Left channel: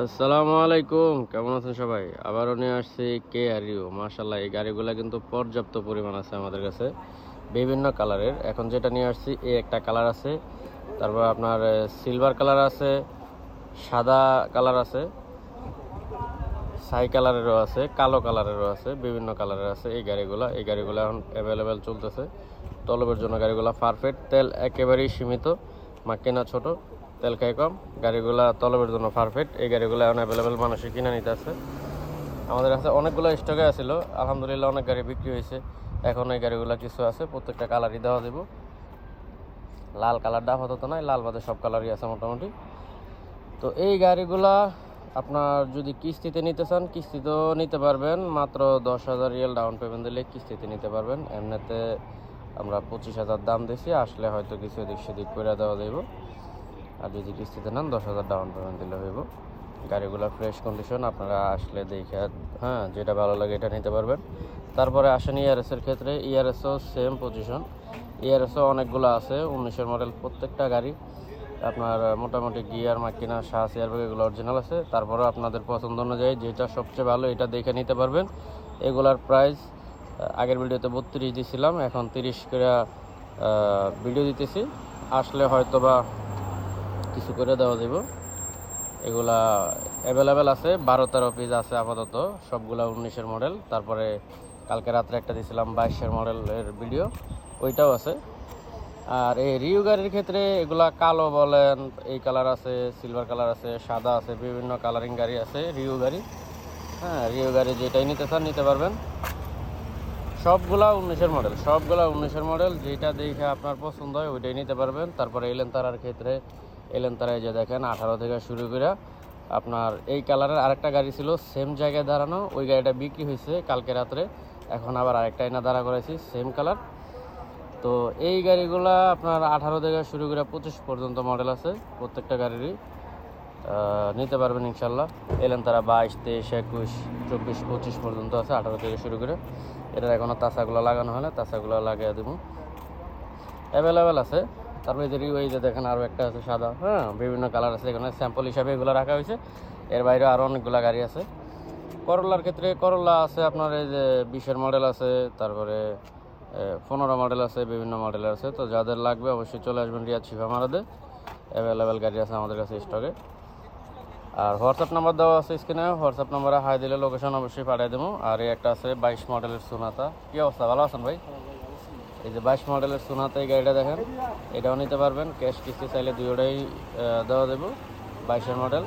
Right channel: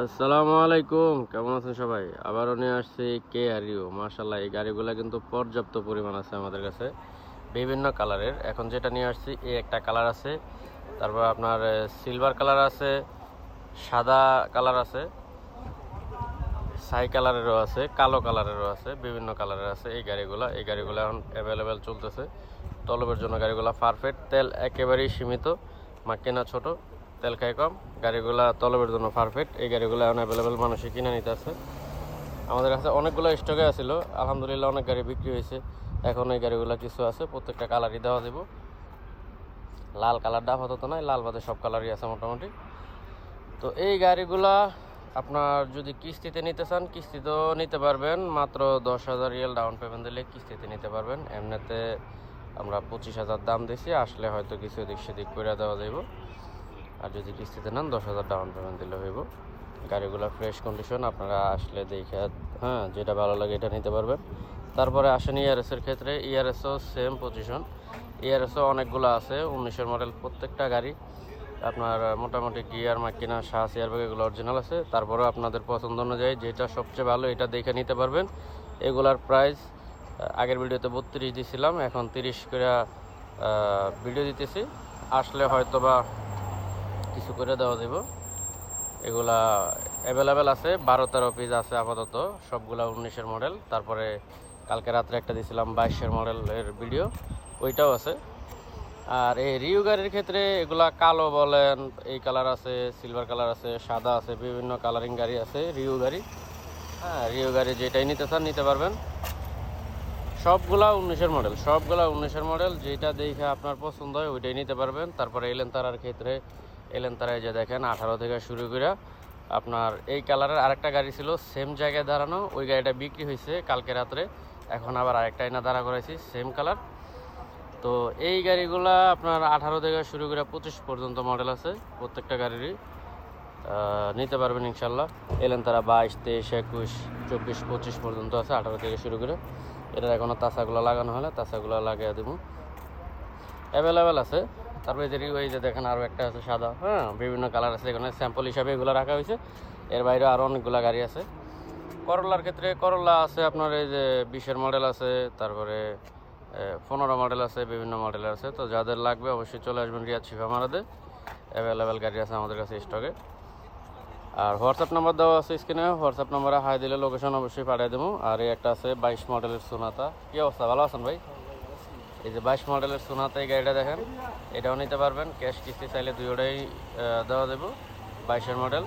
আসসালামু আলাইকুম, কেমন আছেন সবাই? আবারও নিয়ে আসছি কে আর ইউ। মার্শাল্লাহ এই গাড়িগুলো কিন্তু পর্যাপ্ত পরিমাণ আছে আমাদের কাছে। বিভিন্ন কালারের। এখন যেটা নিয়ে আসছি, এই একটা কালার আছে। তারপর আপনার সিলভার কালার আছে, সাদা কালার আছে ছাই কালারেরও আছে, কালো কালারেরও আছে, বিভিন্ন কালারের আছে এই গাড়িগুলো। এই গাড়িগুলো এখন অ্যাভেলেবেল চলতেছে। তলবের জন্য গাড়িগুলো পারফেক্ট তেল একেবারেই সীমিত বা কেনা ছোট। তেল খায় কম। গাড়িগুলো তলবের জন্য পারফেক্ট এই গাড়িগুলো অ্যাভেলেবেল মানুষে কিনে নিতে আছে। আমাদের কাছে অনেকগুলো স্টকে আছিল। আলহামদুলিল্লাহ অনেক গাড়ি বিক্রি হয়েছে। এখন এই গাড়িগুলো কিছু আছে, প্রত্যেকটা কালারই দেওয়া দেব। লাল কালার কালারটা আপাতত নয় লাল বাদে সব কালারই আছে মোটামুটি। তো এই গাড়িগুলা আপনার যদি কিস্তিতে নিতে চান, কিস্তিতেও নিতে পারবেন। মাত্র দশ হাজার রিয়েল ডাউন পেমেন্ট দিলে কিস্তিতে নিতে পারবেন। এমনিতে আমরা পঁচিশ হাজার দাম দিছি, আসলে হয়তো কিছু এদিক সেদিক করে দেওয়া যাইব। আর যদি কিস্তিতে নেন, দশ হাজার ডাউন পেমেন্ট দিলে হইব। গাড়িগুলো ফ্রেশ কন্ডিশন আপনারা আসলে দেখে হ্যাঁ যেটা ভালো লাগে এটা নিতে পারবেন। তারপরে আসেন ইআরএসের ক্ষেত্রে ইআরএসও সেম পজিশন ইআরএসও অনেকগুলো আছে, উনিশের মডেল প্রত্যেকটা গাড়ি। আপনার মোটামুটি গিয়ার মাকিনা শাহ এয়ারব্যাগ এগুলো অরিজিনাল আছে। তারপরে আপনাদের পছন্দ অনুযায়ী যেটা সবচেয়ে ভালো এটা দেখে নিতে পারবেন। এগুলার প্রাইস আগের ভিডিওতে বত্রিশ দিছিলাম, এখন তিরিশ করে ভিডিও দিতেছি। আসলে হয়তো বা কিছু করে দেওয়া যাবে এগুলা অ্যাভেলেবেল আছে, বারো তেরো পিস আছে আপাতত, সবগুলা উনিশের মডেল তারপরে কালকে রাত্রে একটা দিয়েছিলাম বাইশের মডেলের ভিডিও ওইটাও আছে। আর এই রিউ গাড়ির ক্ষেত্রে এগুলা কালো বলেন, এই কালার আছে সিলভার কালার আছে, সাদা আছে, বিভিন্ন কালারিং গাড়ি আছে, রিউ গাড়ি। হ্যাঁ রিউ গাড়ি যেটাই নিতে চান নিতে পারবেন। সবগুলা উনিশের মডেল সবগুলা উনিশের মডেল যেটা দেখে আপনার পছন্দ হয় ওইটাই নিতে পারবেন। তারপরে এলেন তারার ক্ষেত্রে এলেন তারায় যে দেখেন, আঠারো থেকে শুরু করে আপনার এই কালারের আরেকটা গাড়ি ছিল সেম জায়গায় দাঁড়ানো, ওই গাড়িটা বিক্রি হয়েছে কালকে রাত্রে। এখন আবার আরেকটা এনে দাঁড়া করাইছি সেম কালার তো এই গাড়িগুলা আপনার আঠারো থেকে শুরু করে পঁচিশ পর্যন্ত মডেল আছে, প্রত্যেকটা গাড়িরই। নিতে পারবেন ইনশাল্লাহ। এলেন তারা বাইশ, তেইশ, একুশ, চব্বিশ, পঁচিশ পর্যন্ত আছে, আঠারো থেকে শুরু করে। এটার এখনও তাসাগুলো লাগানো হলে তাসাগুলো লাগিয়ে দেবো। অ্যাভেলেবেল আছে। তারপরে যে ওই যে দেখেন আরও একটা আছে সাদা হ্যাঁ বিভিন্ন কালার আছে, এখানে স্যাম্পল হিসাবে এগুলো রাখা হয়েছে। এর বাইরে আরও অনেকগুলো গাড়ি আছে। করলার ক্ষেত্রে করলা আছে আপনার এই যে বিশের মডেল আছে, তারপরে পনেরো মডেল আছে, বিভিন্ন মডেল আছে। তো যাদের লাগবে অবশ্যই চলে আসবেন রিয়াদ শিফা মারাদে অ্যাভেলেবেল গাড়ি আছে আমাদের কাছে স্টকে আর হোয়াটসঅ্যাপ নাম্বার দেওয়া আছে স্ক্রিনে হোয়াটসঅ্যাপ নাম্বারে হাই দিলে লোকেশন অবশ্যই পাঠিয়ে দেবো। আর একটা আছে বাইশ মডেলের সোনাতা কী অবস্থা? ভালো আছেন ভাই? এই যে বাইশ মডেলের সোনাতে এই গাড়িটা দেখেন, এটাও নিতে পারবেন। ক্যাশ কিস্তি চাইলে দুইটাই দেওয়া দেবো বাইশের মডেল।